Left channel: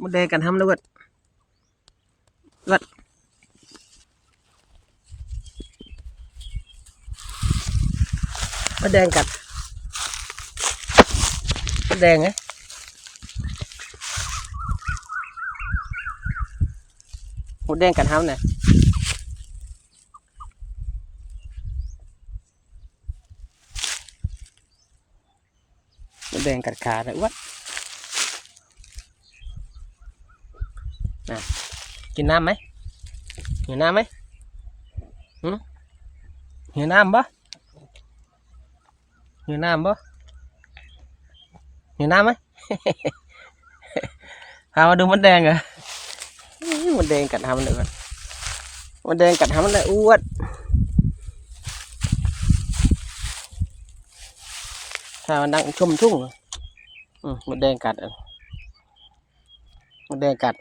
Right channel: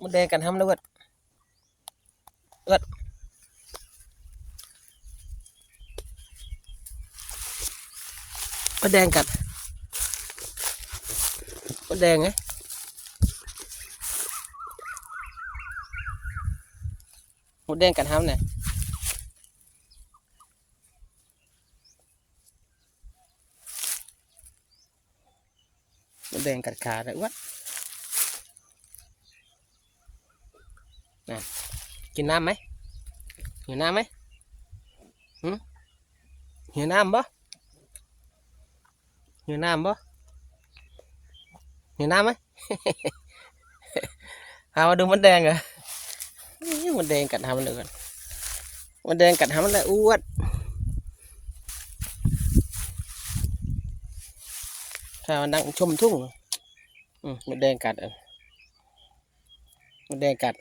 มดแดงกันทำด้วยกัดมดแดงกัดมดแดงไงมดแดงกันทำเนี่ยมดแดงกัดขาเลยวัดกินน้ำไหมหิวน้ำไหมหิวน้ำปะหิวน้ำปะหิวน้ำไหม พามาดูมดแดงเหรอมดแดงกัดทำมันเลยมดแดงกัดทำมันเลยอ้วนพามันนั่งชมทุ่งมดแดงกัดมดแดงกัด